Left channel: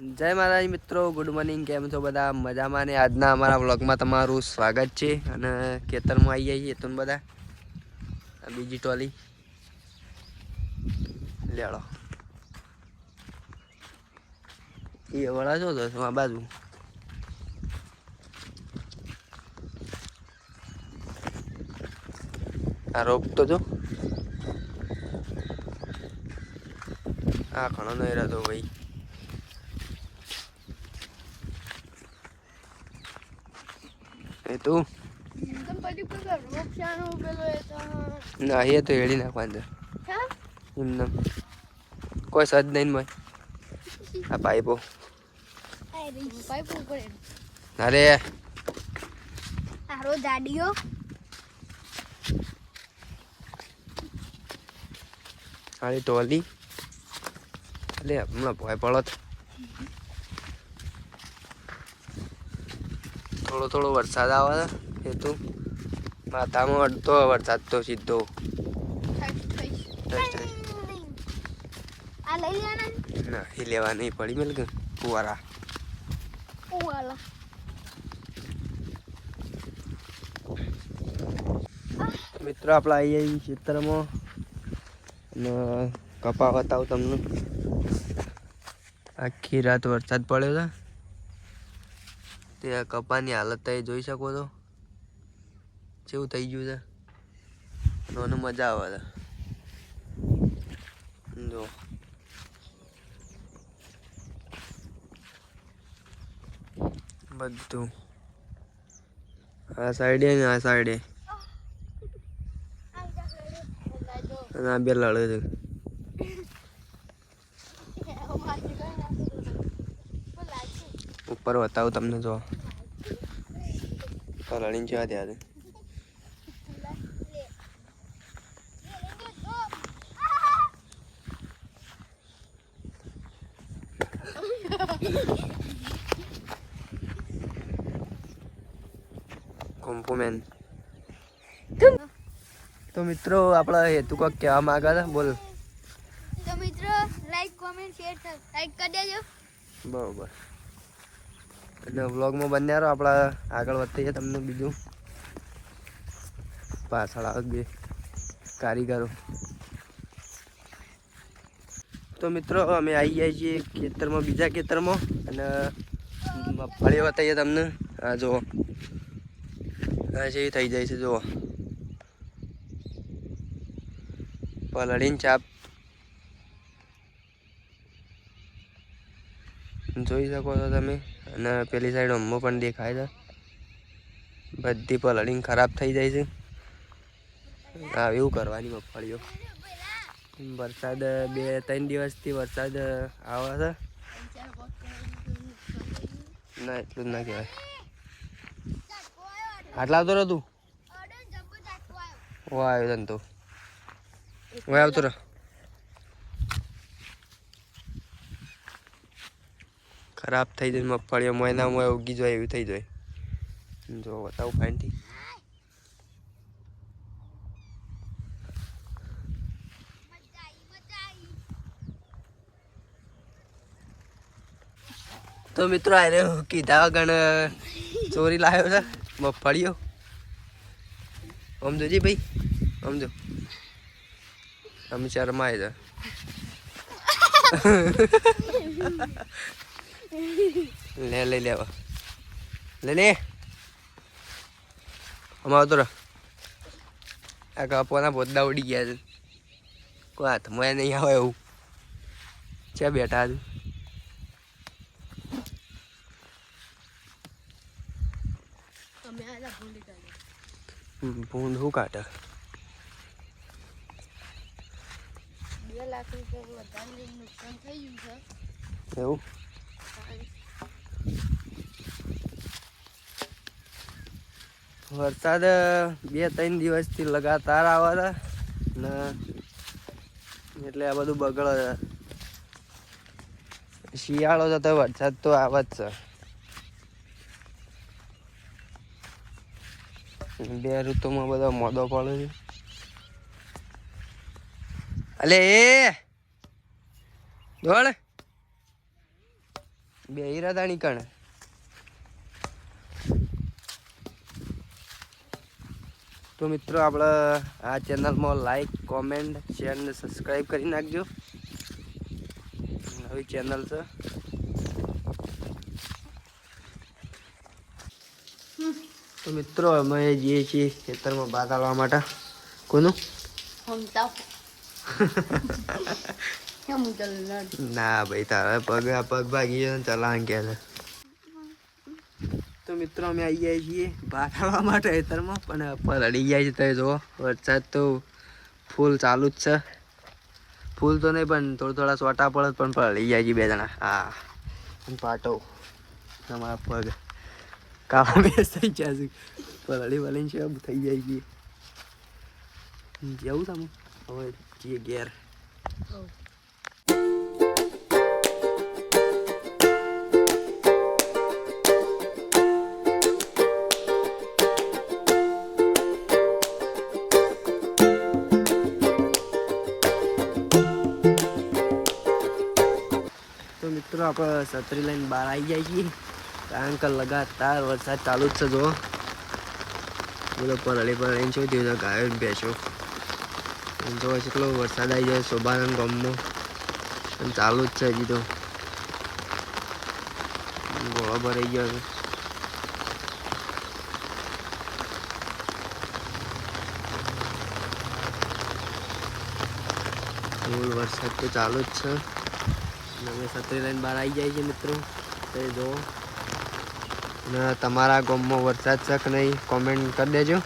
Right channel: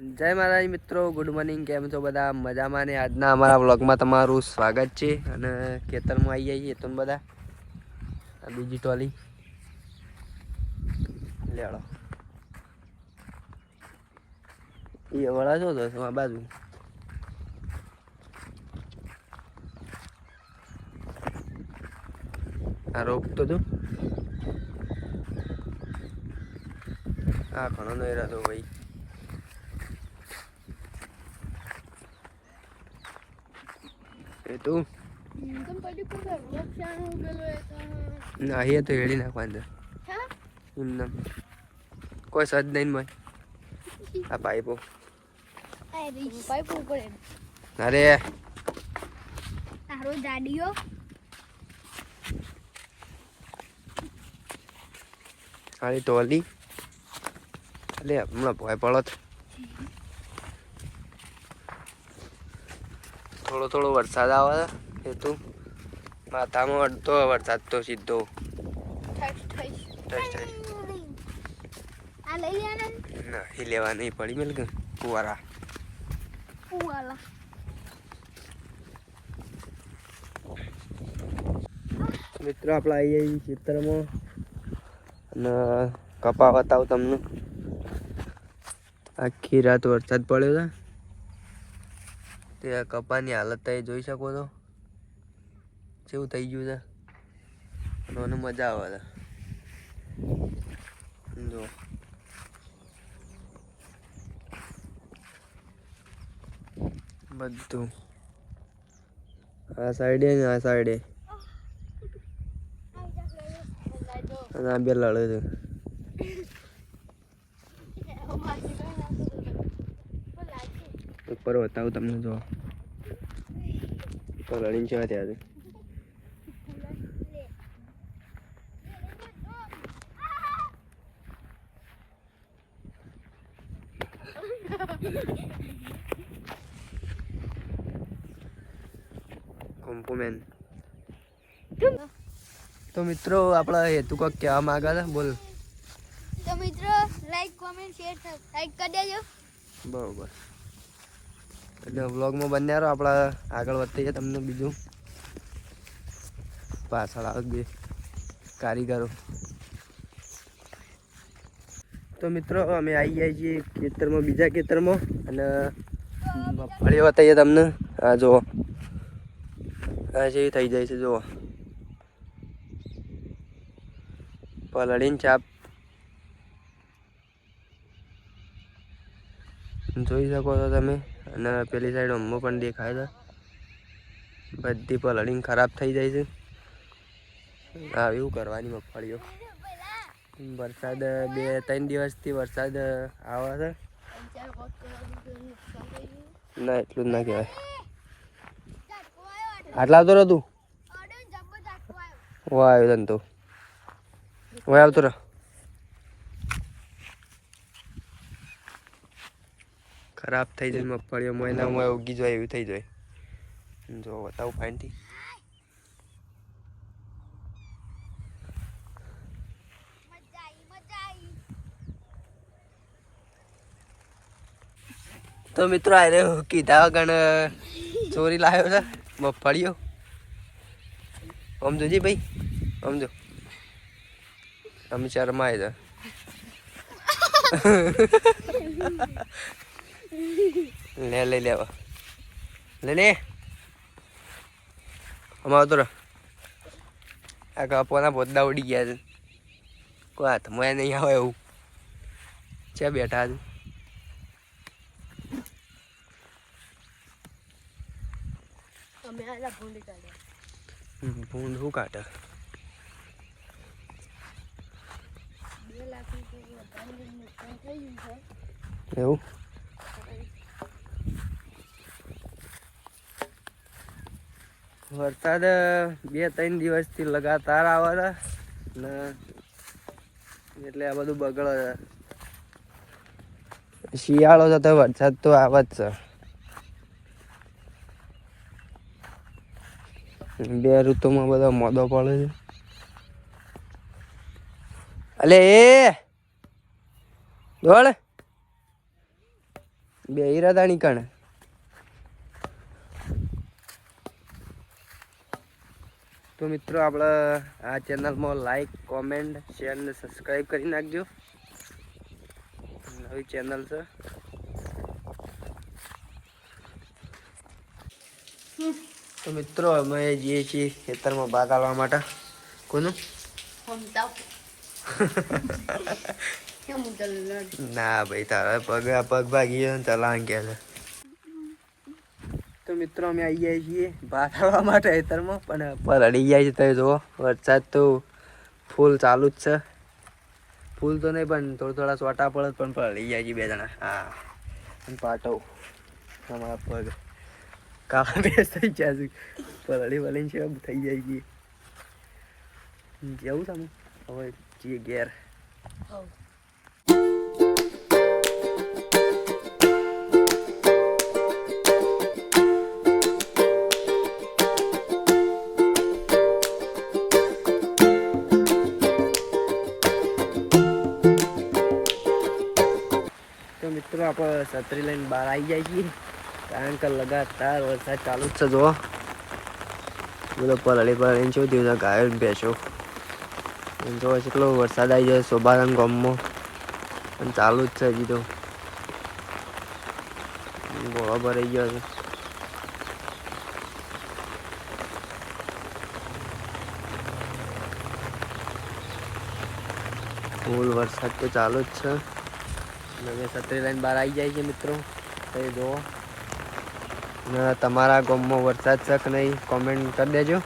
જય માતાજી મિત્રો ગુડ મોર્નિંગ કેમ છો બધા? મજામાં ને આજના અમારા વ્લોગમાં તમારું સ્વાગત છે અને ખેતરમાં આવી જઈએ તો બધા. બીજી ટોલી લેડો. એ વળા છો તો આ બાજુ? આ રોપ તો જો. આ ઘણો નહીં રહેતો ભાઈ. એ તું. ના એ તો હેડી નાખવાનું એમને. કોઈ સદ નહીં મય આ પાઇપો. અરે. તારો દાડીઓ. ખાલી ટોલી. અલે હમણાં ભોય પડો થોડો થોડો વરસાદ આવે એ તો માથામાં અડતો વરસાદ તો સીધો. ના? એ લેવા નહીં પડી મેલ કે કુવારા. મિત્રો આપણે આવી જઈએ ચિત્રમાં અને કપા બતાવું તમને. આખી રાત વરસાદ પડ્યો છે. તે આ કપાની હાલત તમે જોઈ શકો છો. કેવું થઈ ગયું છે. અને મને મજા આવે છે. જો. બધું. આ સાઈડે ને આ સાઈડે અને આ બે લડે છે. ઉપર બતાવું તમને જો. તો લડીને છે ત્યાં કોમ્પોમેન તો મિત્રો આપણા હેતુ કોક કહેવા માંગે છે બોલ. તો મિત્રો લાઈક કોમેન્ટ શેર લાઈક કરી દેજો. બરોબર. એટલે વ્લોગમાં બન્યા રહો આપણા આગળ વધીએ તમને બીજું. પાછળ આવે બે કારીગરો. તો મિત્રો, અમે આવી ગયા છીએ ખેતરમાં, બીજા ખેતરમાં, અને મગફળી બતાવીએ તમને. આ જુઓ. આ છે થઈ જાય છે, જુઓ. પલળીને ચાપ જોઈ શકો છો તમે. અને પેલી સાઈડ અંબો પણ દેખાય છે. બધી પલળીને ખરાબ થઈ જાય છે. એવું કરવાની મગફળીઓ. વરસાદ, બે, ત્રણ દિવસથી વરસાદ આવે છે. ના, એટલું જ ના કહેવાય. આટલા આવતો રહો તું. વાહ, આવ્યો તને તો વાહ, આવતો રહો. ખરાબ થઈ જાય મગફળીઓ મહિના મોય ઉગી જાય એવું થઈ જાય. જો, બતાવું ફાઇનથી તો મિત્રો આરે કીધા ગણ ચોરી લાવ્યો છે મગફળીઓ. આમ જોજી ભાઈ આમ જો અમે શરમાય છે. લે લઈ લેવા. લે લે. અમારો તો આ કપોના પોદડા ઉડી ગયા છે. કોઈ હાથમાં નહીં આવે એવું. છે બેઠા છું? ભૂંડ શું કાઢે? એવું? વરસાદ બે ત્રણ દિવસથી લગાતાર આવે છે ને એટલે આ બધું બગડે છે. શિયાળો છે તો વરસાદ તો આવે જ છે. બે ઋતુમાં બધા મોદો પડે છે. અલે, એ! દોડ. બે ઈરાદાની કણ? તો મિત્રો આપણે આ ચેનલમાં લાઈક કોમેન્ટ શેર ને સબસ્ક્રાઈબ કરી નાખજો. નવી ચેનલ છે. તો મિત્રો અમે જઈએ છીએ ખેતરમાં ભાગ આવવા માટે. કોનું? ના ભાઈ તારા પગ પગ ભાગી ગયો ચલાણ કે તો મિત્રો, અમે આવી જાય છીએ ભાત આવવા માટે ખેતરમાં, પણ પલળી જાય છે તમે જુઓ, વરસાદ તો ફૂલ ચાલુ જ છે. ફૂલ તો નહીં, પણ થોડા થોડા સોટા પડે પણ પલળી જાય છે બે જણા. હા. અને પાટો તમારા પગ કામ બેસ થઈ જાય છે. પલળી વળીને છે થઈ જાય છે જવું તમે? હવે જઈએ ઘેર. આપણે છત્રી લઈને બહાર આવી જાય છીએ. કારણ કે લગાતાર વરસાદ ચાલુ જ છે જો બધો પલળી પલળીને શું થયું ગાયો બેસો જો એટલો વરસાદ આવી જાય શોભારામ ગામમાં. અને ચાલુ જ છે હજી તો. ગોળો ભરાઈ ગયો છે. ફૂલ વરસાદ તો ચાલુ જ છે. અને અમે છત્રી લઈને બહાર આવી જાય છે મિત્રો. તે જુઓ. ને તમારા ગામમાં વરસાદ છે કે નહીં કોમેન્ટ કરી દેજો.